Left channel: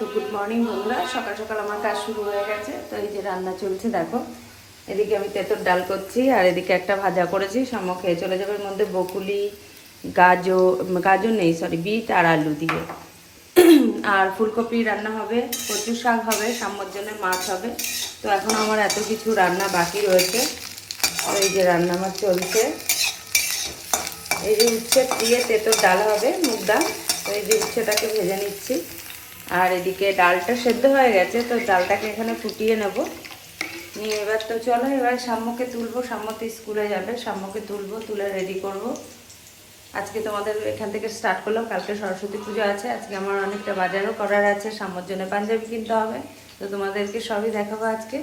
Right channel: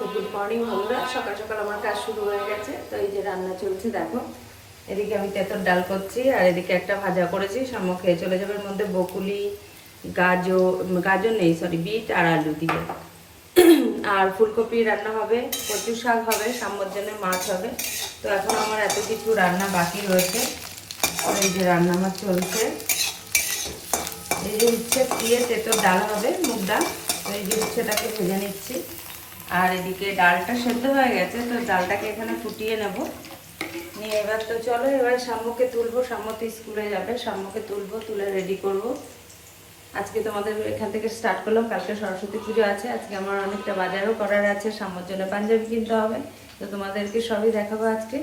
তো good morning বন্ধুরা। সকাল সকাল আমার কাজ শুরু হয়ে গেছে। তো এই যে রান্না চলছে, দেখো। এদিকে আমি তেঁতর ডাল করছি, আর এদিকে একটা ভাজা করেছি। সাম্য খেয়ে চলে যাবে মধ্যে বকুলি, গাজর গাজর নেই সরি বিট আর আলু দিয়ে। আর ফুলকপি রান্না হবে কচু শাক হবে সাম্যর জন্য মাছ হবে। তো এখন আমার এত কিছু রান্না বাকি রয়েছে। এই যে রান্না আমার চলছে। এই যে উচ্ছে দিয়ে তেঁতুর ডাল হবে, মুগ ডাল। এই যে উচ্ছেটাকে ভেজে নিচ্ছি। আর এদিকে ডালটা সেদ্ধ হয়ে গেছে, তো ডালটাকে এখানে ফুটিয়ে নেব। নিয়ে এবার তো চলো, এবার সাম্যকে তুলবো সাম্য তো স্কুলে যাবে সাম্যকে তুলবো, তুলে রেডি করব। আজকে তোমাদের এখান থেকে স্টার্ট করলাম, কালকে সরস্বতী পুজো আছে, আজকে আমার অনেকটা বাজারও করার আছে সাম্যর জন্য পাঞ্জাবি কিনতে হবে, তো তোমাদেরকে সবই দেখাবো আজকে।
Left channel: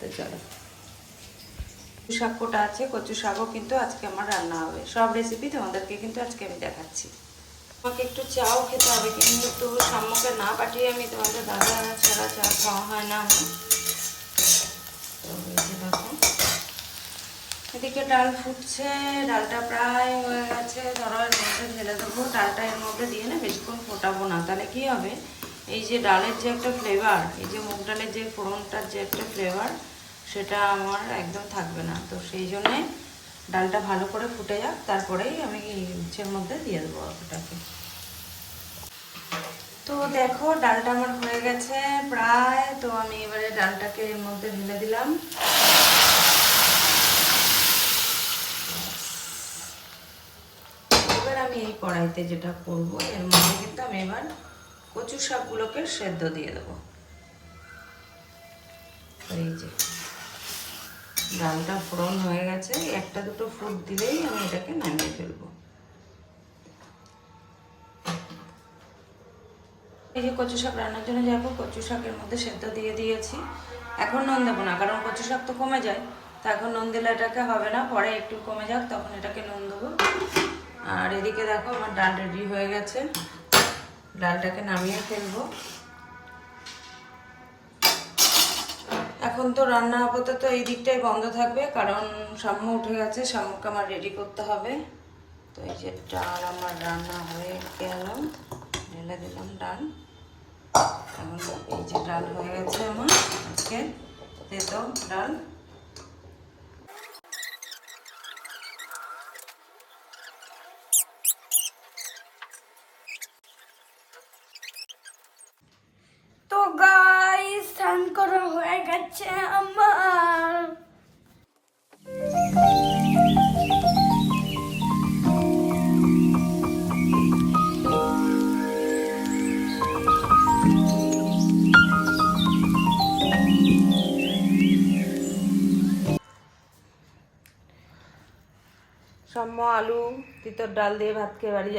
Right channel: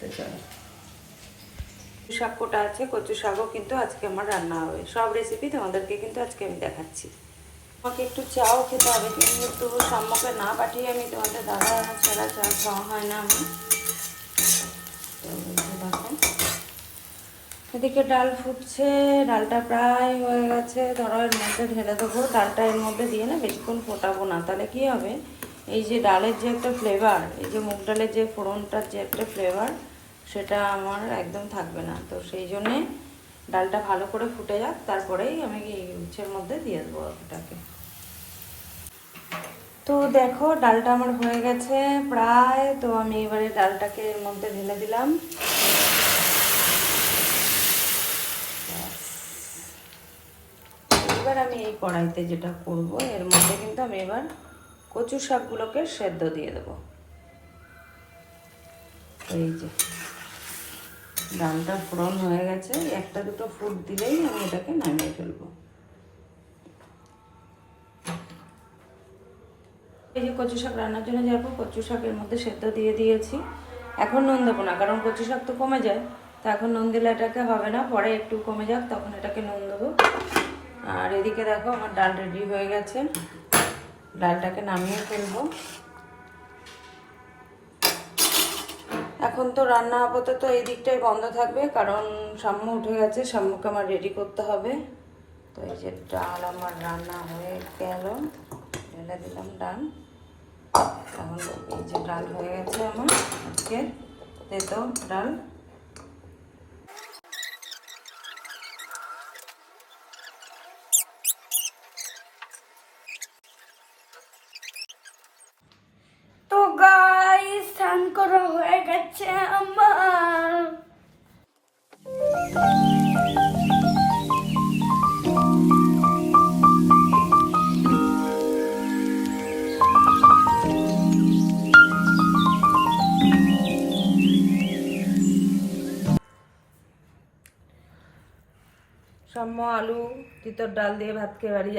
তো চলো। শাক কোটা আছে? কচু শাকও কিন্তু আজকে আমার রান্না হবে। সব রেসিপি তোমাদেরকে কিন্তু আজকে আমি দেখাচ্ছি। আমাকে একটু চাও খেতে হবে, কিন্তু সাম্যকে না পাঠিয়ে আমি তোমাদের দাদা ছাড়া চা খাওয়া হয় না আমি এদিকে ডাল ফুটছে, ডালটা প্রায় হয়ে গেছে, ধরো এর মধ্যে ঢেলে দেবো, ডালটা এর মধ্যে দিয়ে না বেশিক্ষণ ফোটাবো না। তাহলে কি হবে? এই যে ডালের যে একটা ফ্লেভার এই যে মুগ ডালের যে ফোড়নটার যে একটা ফ্লেভার সেটা আমার একদম থাকবে না। তো সেই জন্যে ডালটা ভালো করে ফুটে যাক, তারপরেই আমি উচ্ছের মধ্যে দিয়ে দেবো ওটাকে তো দেখো, ডালটা আমার হয়ে গেছে প্রায়। তো আমি এবারে ডালটাকে এর মধ্যে ঢেলে দিলাম। এবার আমি এই কড়াইতে যেটা করব, এর মধ্যে কিন্তু আমি এবার কচু শাকগুলোকে সেদ্ধ দিয়ে দেবো। এই যে, ডালটা ফোড়ন হয়ে গেছে। একটা দুটো ফুট দিলেই আমি এটাকে নামিয়ে ফেলব। এই যে কচু শাক রান্নার জন্য যাব, কচু শাকের মধ্যে সেদ্ধ দিয়ে দিয়েছি। এখন নুন দেবো না, কারণ কচু শাক তো কমে যায়। তো এখন নুন দিলে এটাকে হবে না, পরে একটু কমে যাক, তখন এটাকে নুন দেবো। আর এদিকে দেখো আমার ডাল রেডি হয়ে গেছে। ডালটাকে নামিয়ে ফেলব। এখন তো রান্না আপাতত এই দিকটাই বন্ধ থাকবে, কারণ সাম্য উঠে গেছে সাম্যকে আমার রেডি করতে হবে। তো এই যে ডাল আমার রান্না হয়ে গেল। ঢেলে দিলাম ডাল। এখন এই যে ডাল হয়ে গেছে আমার আজকে তেতো ডাল। সাম্য আলু তিতর ডাল দিয়ে ভাত খেয়ে বাড়ি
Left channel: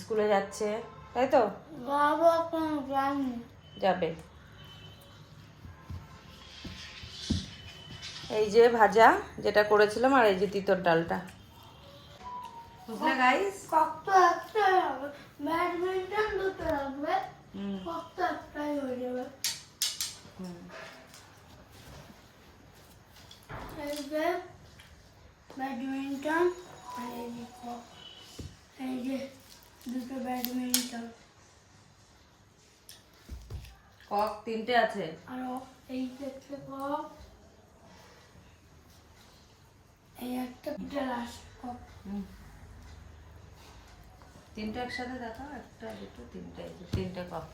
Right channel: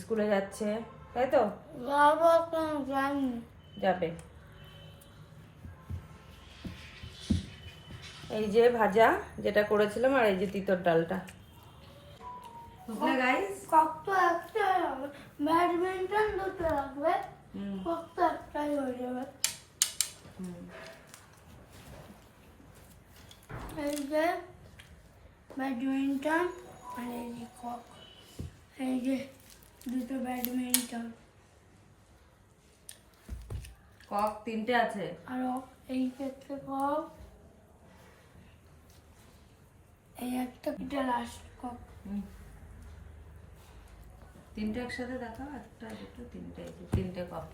স্কুলে যাচ্ছে। তাই তো? বাবা কেন জানি যাবে। এই যে ভাজা যেটা করেছিলাম আর এই যে তিতর ডালটা। গাইস কত ব্যাডমিন্টন দুটো লাগবে কত একটাই হয়ে যাবে এই যে ব্যাডমিন্টন আর এই যে কক এই যে দুটো ব্যাডমিন্টন কক তিনটে আছে। আর এই ক্ষেত্রে কক এই একটা এটা লাস্ট কক। তিনটে একসাথে দেখাও একটা দুটো তিনটে তিনটে কক।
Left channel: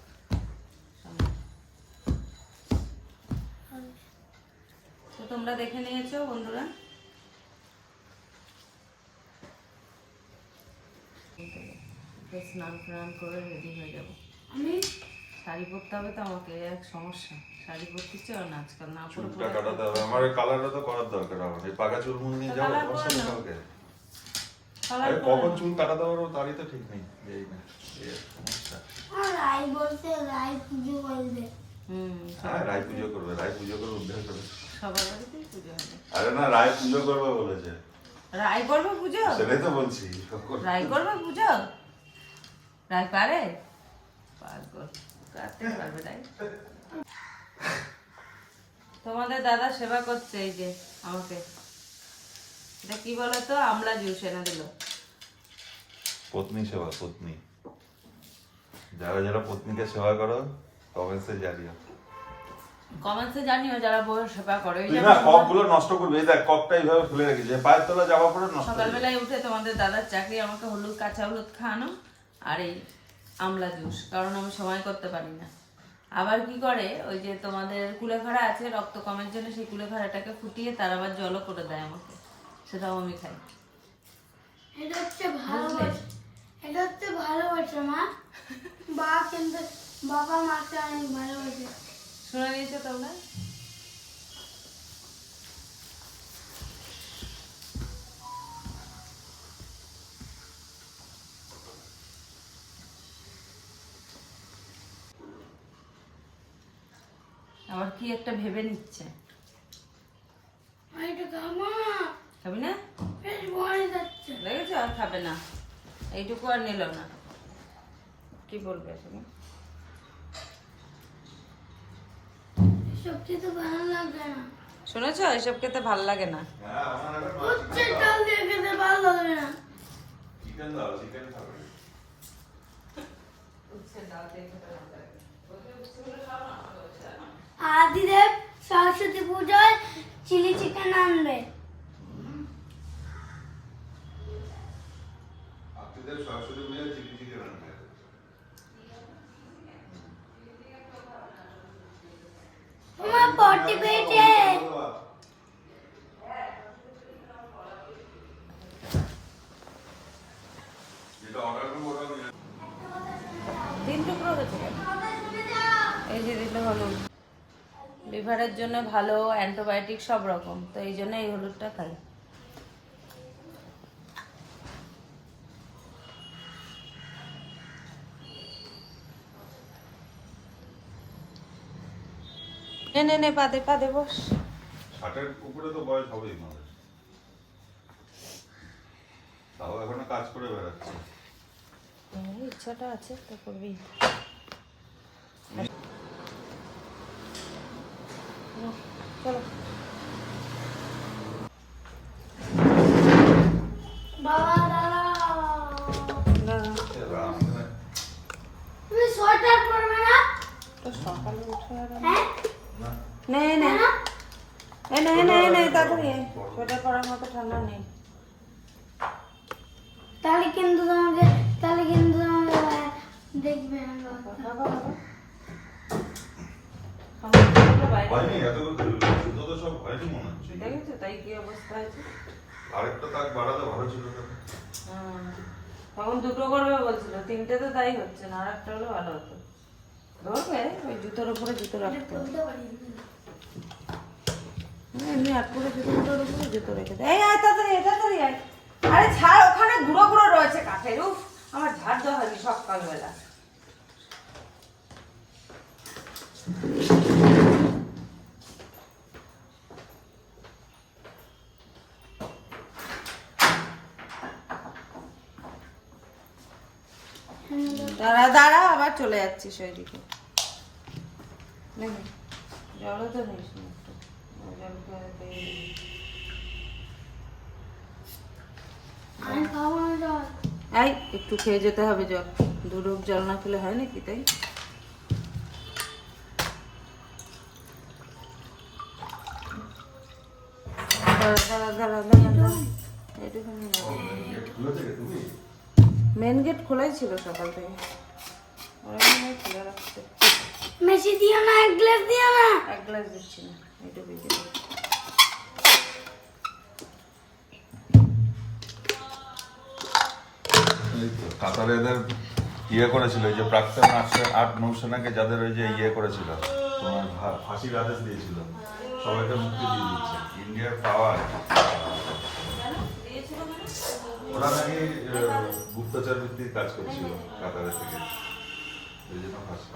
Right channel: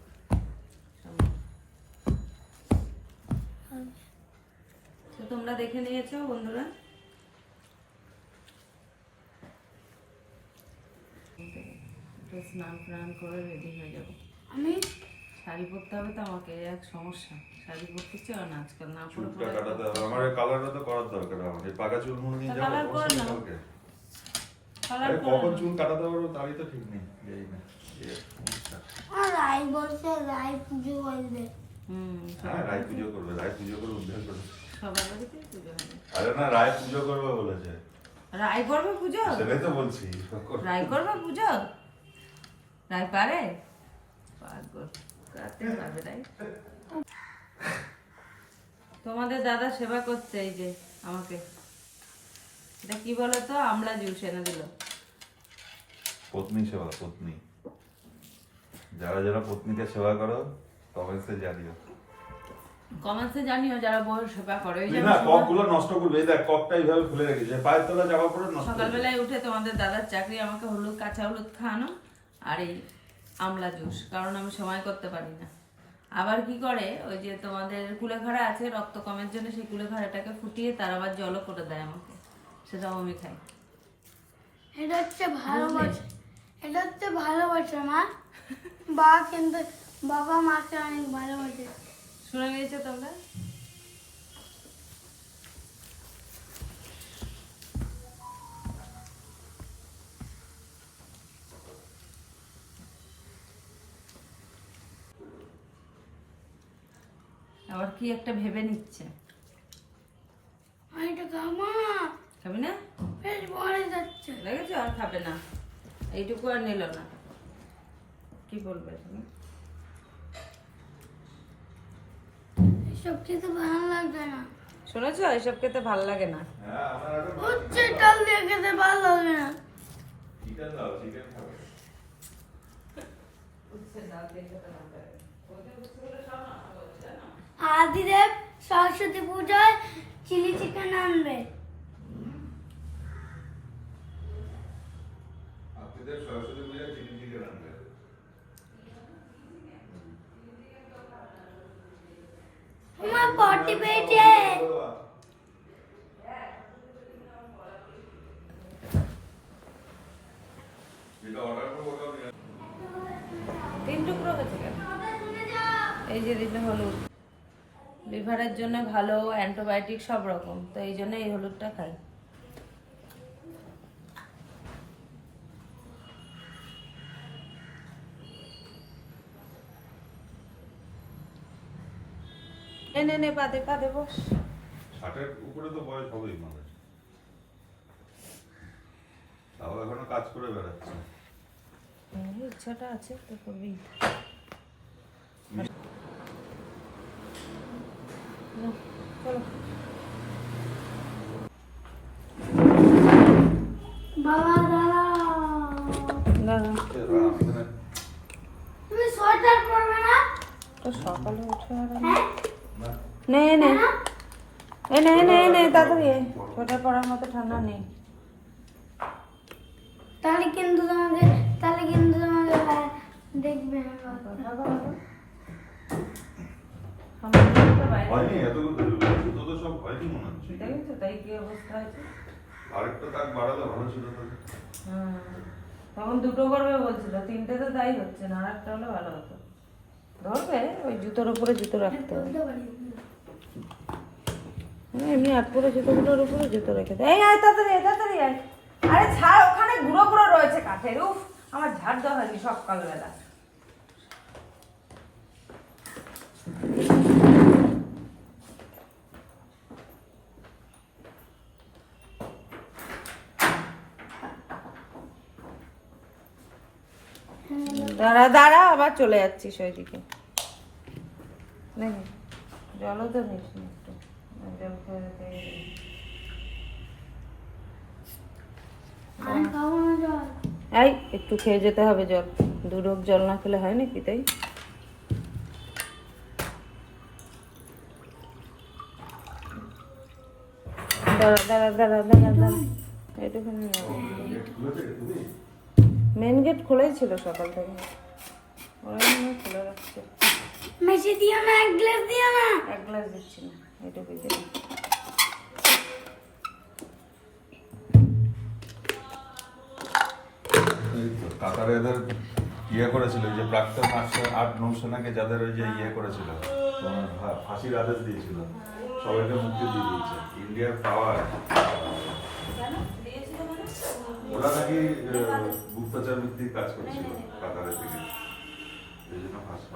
তো তোমরা দেখে নিয়েছো বন্ধুরা? স্নান ফ্নান করে রেডি হয়ে যাব। আমি শাড়ি পরতে হবে তো আমাকে এক সমস্যা। শাড়ি পরতে চাও না? আজকাল না পরে চুলটা কাটাতে হবে। আমার এই কালারটা তো করার দরকার আমার। এই পাকা চুল মুড়ে নিয়ে যাব তোমার করে সাথে নাও। কালকে। কালার আরে কখন চুল কাটাতে পারব তারই তো ঠিক নেই এই না সমস্যা। আর রাই বলছে রাই পুজো করবে। হুম হ্যাঁ রায় পুজো করবে রায় পুজো করে উদ্ধার করবে। সবার বাড়িতেই পুজো হবে। আরে না রায় পুজো করবে বলেছে। রায় করবে পুজো? সেটাই তো বলছি। রায় করবে পুজো? রায় পারে? পাগল। তোমাদের দাদা সেবা করছে এই যে আমাকে। এটা কি বলো তো আমলা জুস এনে দিল। পত্নী সেবা পত্নী। যারা যারা পত্নীকে সেবা করো কমেন্টসে জানিও। কমেন্টসে জানিও যারা বউয়ের সেবা করে। যেমন না কপগুলো নষ্ট করবি এই দেখ কপটা এইভাবে খুলে রেখেছে পায়ের তলা যাওয়ার পরে নষ্ট সকালবেলায় উঠে তোমাদের দাদার চাকরি আমাকে হলুদ কাঁচা হলুদ খাওয়ানো আর এই আমলা জুস কারণ আমি সময় করতে পারি না। আবার কি করে ওই যে তোমাদের কুলেখাড়া আছে রক্ত কমের জন্য সেই কুলেখাড়াটাকে ফুটিয়ে তার আবার জলও করে দেয় আমাকে। সেটাও আমি খাই। এটা হচ্ছে ভালোবাসা। এটা হচ্ছে ভালোবাসা মা। বা কিন্তু বাবা মাকে অনেক ভালোবাসে। শুনে নিয়েছো তোমরা? আবার কি একটা ভেবে নিচ্ছে? খাবি না? লেগেছে। আর খাবে না। এইটুকু আর নিল না। কি বলবে তুমি? এসব খেতে ভালো লাগবে না। শুনেছো? এসব খেতে ভালো লাগে না। হ্যাঁ হচ্ছে ডাল দিয়ে খেতে ভালো লাগবে না। চিকেন দাও চিকেন খাবে। আদিদেব সরস্বতী পূজায় চিলি চিকেন আনবে। আপনাদের সরস্বতী পূজায় চিলি চিকেন আনবে। তোমার পটি পেয়েছে যেটা অর্ডার করব ওটাও নিয়ে তিন টুকরো হয়েছে কেন এই যে দিলে হলুদ লিভারের জন্য ভালো অ্যান্টিবায়োটিক সব রকম তো এই জন্য এই হলুদটা খাই। নে নে নে পাদে পাদে বস। ষাটের উপরে তো বয়স হবেই আমাদের তাও এখনও কাজ করে বেড়াচ্ছে। ইচ্ছাটা আছে তো করবি চলো বাবা দাদা দাঁড়াও। তুমি সোয়েটার পরবে না? হ্যাঁ? নে। নে এ নে নে নে তাড়াতাড়ি সোয়েটার পরার মতো ঠান্ডা নেই। তাহলে কিন্তু তোমাকে তাহলে কিন্তু তোমাকে দেখবে না। বাবা। বাবা, বাবা। আমার ছেলেটা বাইরে। হয়নি এতগুলো তো সব হয়নি মনে হচ্ছে দেখেছ তাই কি অবস্থা আছে আরেকটা তাক বাড়ালে ভালো ছিল হ্যাঁ। তখন দুটো করবে বলছিল তিনটে তো তাই হচ্ছে না আর একটা হলে ভালো হতো ধরবে ওই জুতোর উপরে জুতো রাখতে হবে বলতে পারি না। না, এমনি আট করে জুতোগুলোর উপরে জুতো রেখে দেয় এই আয় তাড়াতাড়ি আয়, তাড়াতাড়ি আয়। আরে ছাড় ওখানে গুঁড়ো গুঁড়ো রয়েছে কাঠের উফ আমার ঝাড় দেওয়া হয়নি সকালবেলা দাঁড়া দাঁড়া আবার চলে যাচ্ছিস ওইদিকে। দেখি জলও তো নিস একটু। জল এই একটু খেয়ে যেতে হবে জল। দু রোগ জল না খেলে হয় নাকি তাই? দাঁড়া দাঁড়া দাঁড়া দাঁড়া দাঁড়া। এইটুখানি মেন গেট খোলাই ছিল সকাল থেকে। ওরা মনে হয় খুলে রাখছে। মেশি দিও না এক গ্লাস দিও না। এক গ্লাস দিচ্ছি না এইটুকুই দিলাম কাতারে এদের ইয়ে করেছিল এই যে প্রাক্তন আট নৌসেনাকে যাদের ওই যে ইয়ে করেছিল তোমার ফাঁসির আদেশ দিয়েছিল সবাইকে মুক্তি দিয়ে দিয়েছে। ইন্ডিয়ার পাওয়ার ওরা নাকি গুপ্তচর ভিত্তিক কাজ করছিল কাতারের থেকে। এই জন্য ফাঁসি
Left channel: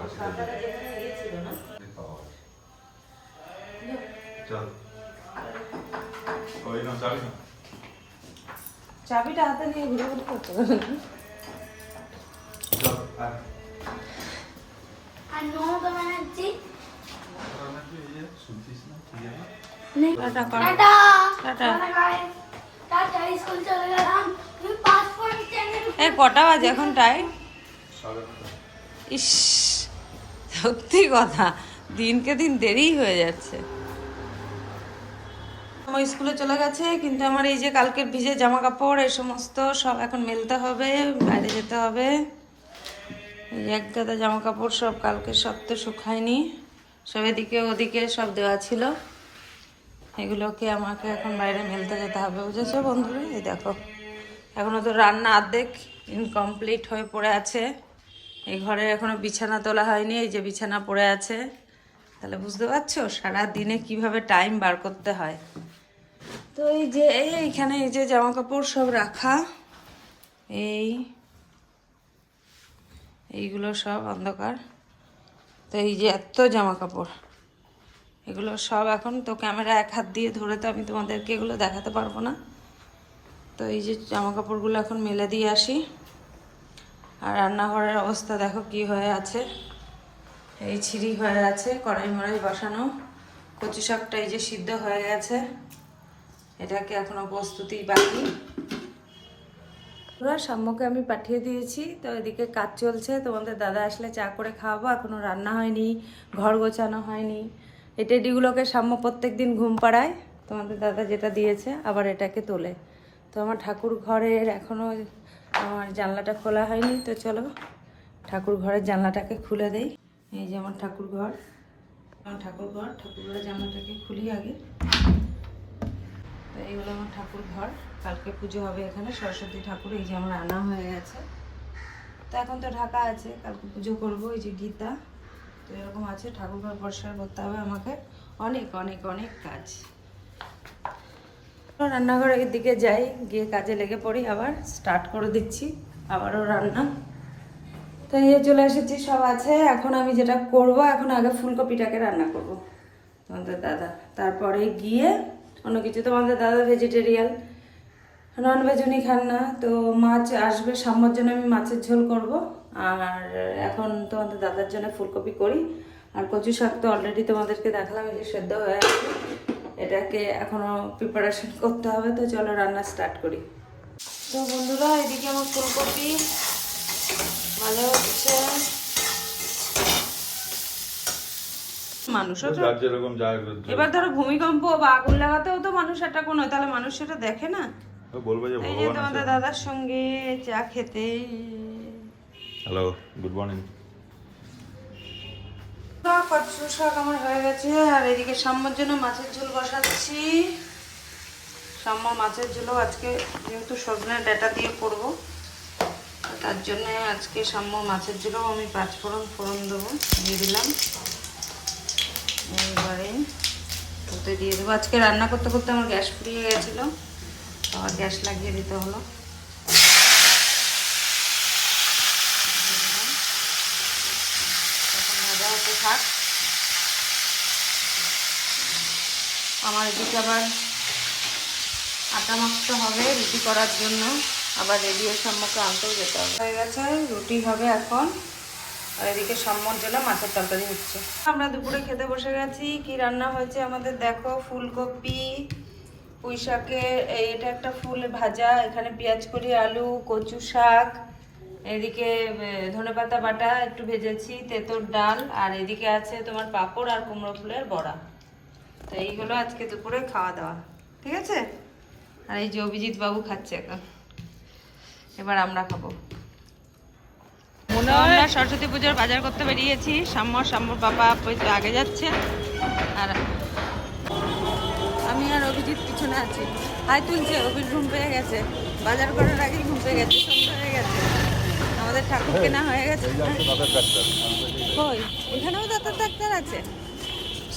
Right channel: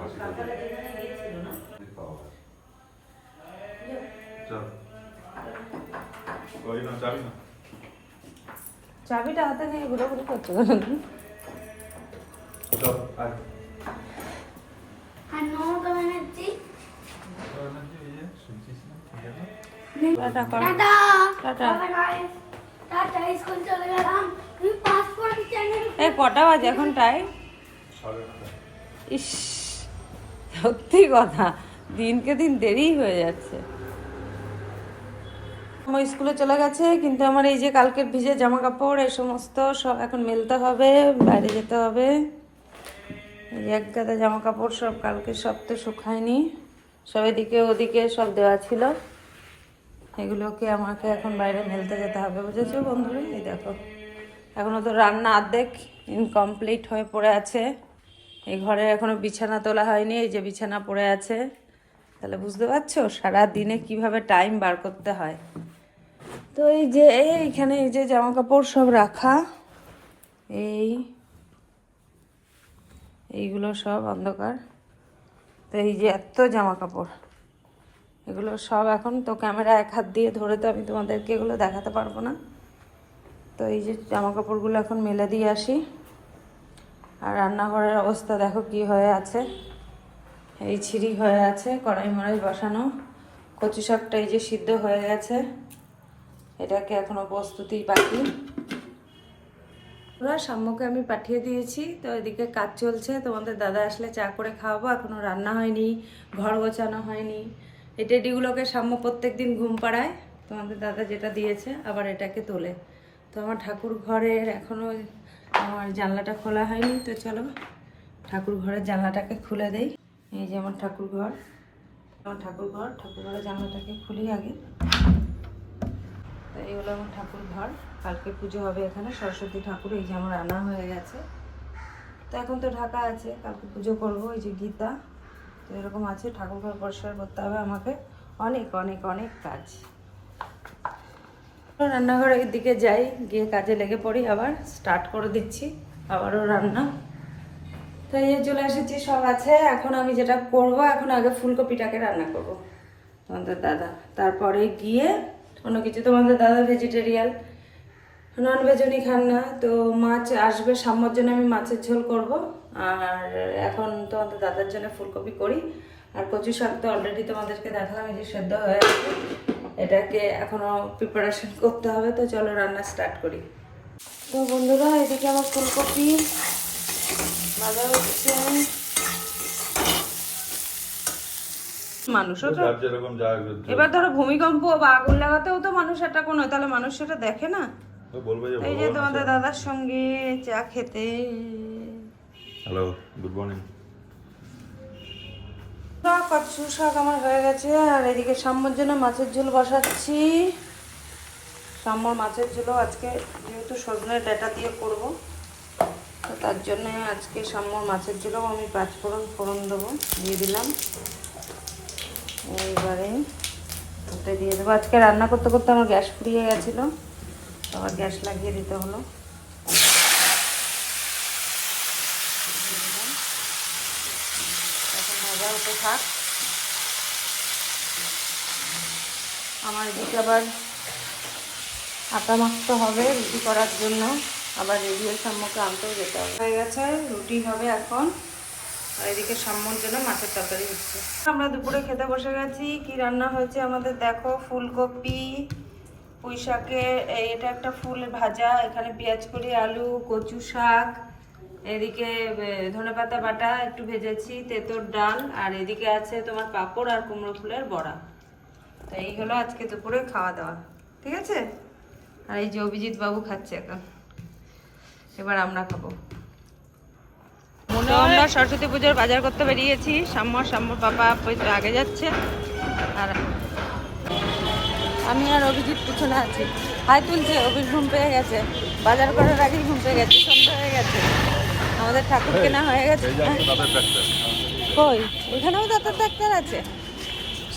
চল। চাবিটা হাতে নিয়ে ঘুরে ঘুরে করছে? Tata tata. এই কটা বাজে এখন টাইম ইস সত্যি কথা দিনকে দিন দেরি হয়ে যাচ্ছে। আমার স্কুলে চলে গেছে কিন্তু আমার এই যে কালকের ভিজে জামা কাপড় এই সমস্ত সব এখন মেলতে হবে বাইরে যেতে হবে। এক গাদা জামা কাপড় সব কালকে সব তো শুকায়নি সব এদিকে ওদিকে সব দেওয়া ছিল। এগুলোকে আমাকে এখন বাইরে মেলতে যেতে হবে, বুঝেছ বন্ধুরা? এই দেখো এখনও তো রান্না অর্ধেক ইনকমপ্লিট হয়ে পড়ে আছে। এই ঘরে এখনও বিছানা তোলা হয়নি, এই যে বিছানা পড়ে আছে। তাহলে বুঝতে পারছ সারা দিনে কীভাবে টাইম বার করতে হয়। তো এই যে এইখানে এই যে জামা কাপড় সব রাখা, এই, এইগুলো সব অন্ধকার। তো এই যে এত জামা কাপড় এগুলো সব এখন তো ক্যামেরা এক হাত দিয়ে ধরে তো আমি তোমাদেরকে এগুলো দেখাতে পারব না। তো এই যে জামা কাপড়গুলো এখন মেলে দিয়ে আসি। আর রান্নাঘরের অবস্থা দেখো কি হয়ে আছে। এই ছিঁড়ি হয়ে আছে, কড়াই মড়াই বসানো। কচু শাকটা এই যে সিদ্ধ হয়ে গেছে। এটাকে এখনও প্রস্তুতি বাকি। পুরো সাম্যকে আমি পাঠিয়ে দিয়েছি। তো এদিকে কাজ চলছে। তোমাদের দাদা আসলে চা করে খাওয়াবো। এখনও রান্না হয়নি, ঘর গোছানো হয়নি। এই টেডিগুলোকে সাম্য প্রত্যেক দিন ঘুম পাড়ায়। তোমাদের দাদা যেটা দিয়েছে, আবার এটাকে তোলে। তো আমার ঠাকুর ঘরের এখনও আমার জানলাটা খোলা হয়নি, তো চলো ঠাকুর ঘরের জানলাটাকে খুলে দেই। এই যে আমার ঠাকুর ঘর। আমার ঠাকুর ঘর, ঠাকুর ঘরের জানলাটাকে খুলি আগে। তো এই হলো আমার ঠাকুর ঘর। কালকে পুজো হবে এখানে, সরস্বতী ঠাকুর, এই যে আমার আনা হয়ে গেছে। তো এখন তো ঢাকা আছে, কালকে পুজো করব, এই যে গীতা। তো এরকম আছে ঠাকুর ঘর পরিষ্কার করতে হবে আমাকে। অনেক অনেক অনেক কাজ। রান্নাঘরের দিকে যাই, গিয়ে কাজে লেগে পড়ি, আবার স্টার্ট করে দিচ্ছি, আবারও রান্না। তো এই চলে এসেছি, সব আছে। এখন আমি যেটা করব, এখন আগে ফুলকপিটাকে রান্না করব তোমাদের দাদা। তারপরে গিয়ে অন্য কিছু, তোমাদের দাদা ভেজিটেরিয়াল নন ভেজ উনি খান না, তো মাছ আসবে, সাম্যর জন্য আমি মাছের ঝোল করব। আর এখন তোমাদের দাদার জন্য ফুলকপি করি। আর কচু শাক তো অলরেডি তোমাদেরকে দেখালাম এই যে সেদ্ধ হয়ে আছে এটাকে এখনও প্রিপারেশন করতে হবে তো চলো রান্না স্টার্ট করি। তো বন্ধুরা এদিকে আমার ফুলকপি ভাজা হচ্ছে। মানুষও তো এবার ধরো ভূমিকম্প বা আগুন লাগাতেও তো মানুষ একটা কোনো তাহলে মানুষ সেটা দেখে না? এই যে তোমাদের দাদার সঙ্গে চা খেতে। হ্যালো গুড মর্নিং কচু শাক আমার হয়ে গেছে, আর এদিকে সাম্যর জন্য মাছের ঝোল বসাচ্ছি। সাম্যর মাছের ঝোলও আজকে যেহেতু সজনের ডাটা দিয়ে করব তার জন্য আজকে সাম্য মাছের ঝোলও আমি পাঁচ ফোড়ন ফোড়ন দেবো, দিয়ে দিলাম। এইবারে ওতে দিয়ে দেবো। আজকে রান্না করতে করতে আমার গ্যাস ফুরিয়ে গেছিল আবার গ্যাস লাগিয়ে দিতে হলো এখন ভাজা হতে থাক। আমার এদিকে আবার আটা মাখতে হবে, রুটি করার জন্য। আবার রেডিও সম্মুখে আনতেও যেতে হবে। হয়ে গেছে, রুটি হবে এখন। আর এদিকে সম্মুখ জন্য মাছের তরকারি হচ্ছে। আমরা দুপুরে খেতে বসে গেছি। কি রান্না হয়েছে আমাদের দেখো। ফুলকপি পুঁই এই এটা একটা ফুল ভাজা। এখানে পেঁয়াজ কলি আলু, কচু শাক। এদিকে ধনে পাতা বাটা একটু ভেজেছি, তেঁতোর ডাল, আর এদিকে আছে তোমার পাঁপড় আর কুমড়ো ফুলের বড়া। তো এই হলো আজকে দুপুরে খাওয়া দাওয়া, ঠিক আছে? আর এই যে অভিজিৎ বাবু খাচ্ছে এখন। এবার আমরা খাব। তো আমরা সরস্বতী পুজোর বাজার করতে বেরিয়েছি। সাম্য সাম্যর পাপা হয়তো আগে যাচ্ছে। আর আমি আর অভিজিৎ পিছনে আছি। হাই তুলছে, অভির ঘুম পেয়ে গেছে। বাজার করার আগেই ঘুম পেয়ে গেছে, সন্ধ্যা হয়ে গেছে। আমাদের ঠাকুর কেনা হয়ে গেছে। হ্যাঁ? কই? এখানেও দাঁতের ডাক্তার আছে।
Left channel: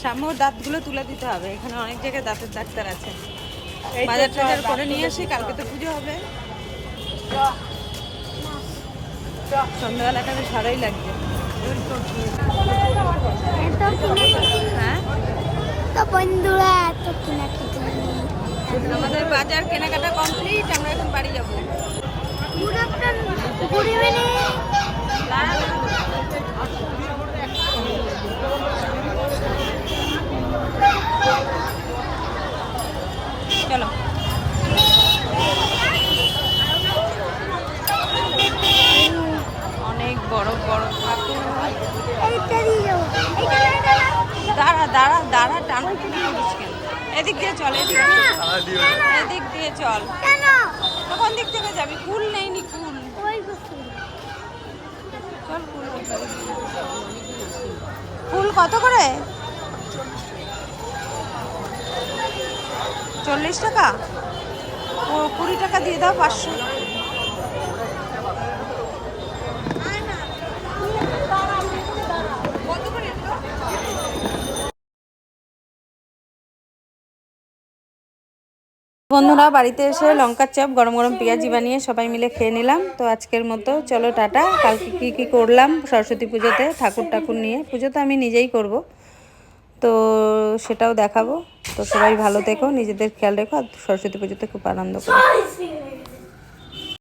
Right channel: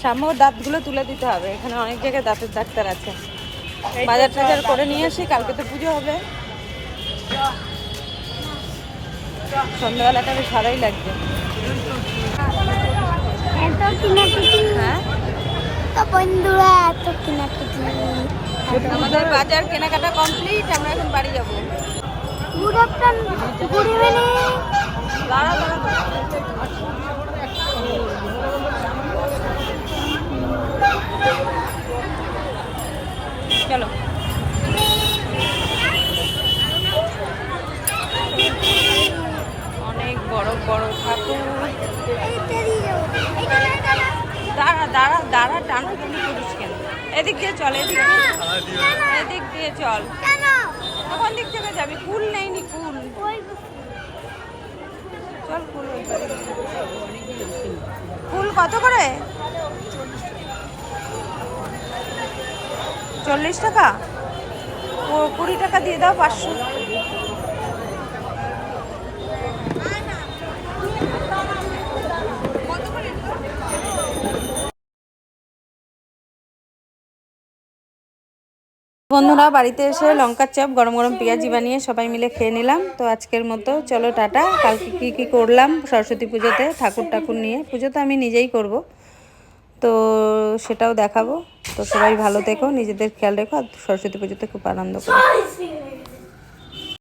সামনে দাঁতগুলো তুলে দিতে হবে। এখানে অনেক জায়গায় দাঁতের ডাক্তার আছে। বাজার টাজার করে নিয়ে আসি কালকে তো পুজো হবে। সন্ধ্যাবেলাটা বেশ ভালোই লাগছে। হ্যাঁ? তো বন্ধুরা এত কিনাকিটি আমাদের বাজার কেনাকাটা কমপ্লিট আমরা এখন বাড়ি যাব। চলো। অনেক বড় বড় ঠাকুর। দাঁড়া দাঁড়া দাঁড়া টানা কেন করিস কেন? এদিক দিয়ে চল, এদিক দিয়ে এদিক দিয়ে চল। কেন দিক থেকে যাবি কুল নেই কুল ফুল কত করে? চল্লিশ টাকা? কুড়ি টাকা দিয়ে দাও, পাঁচশো। বন্ধুরা, বাড়িতে এসে লঙ্কার চপ, গরম গরম পেঁয়াজি বানিয়ে সবাই মিলে খেয়ে নিলাম। তো আজকের মতো চলো টাটা। কালকে কী কী করলাম? সরস্বতী পুজোতে ঠাকুর ঠাকুর নিয়ে। পুজো তো আমি নিজেই করব। তো সেটাও দেখাবো। তো সবাই ভালো থেকো, নিজেদের খেয়াল রেখো, আর সরস্বতী পুজোতে খুব আনন্দ করো।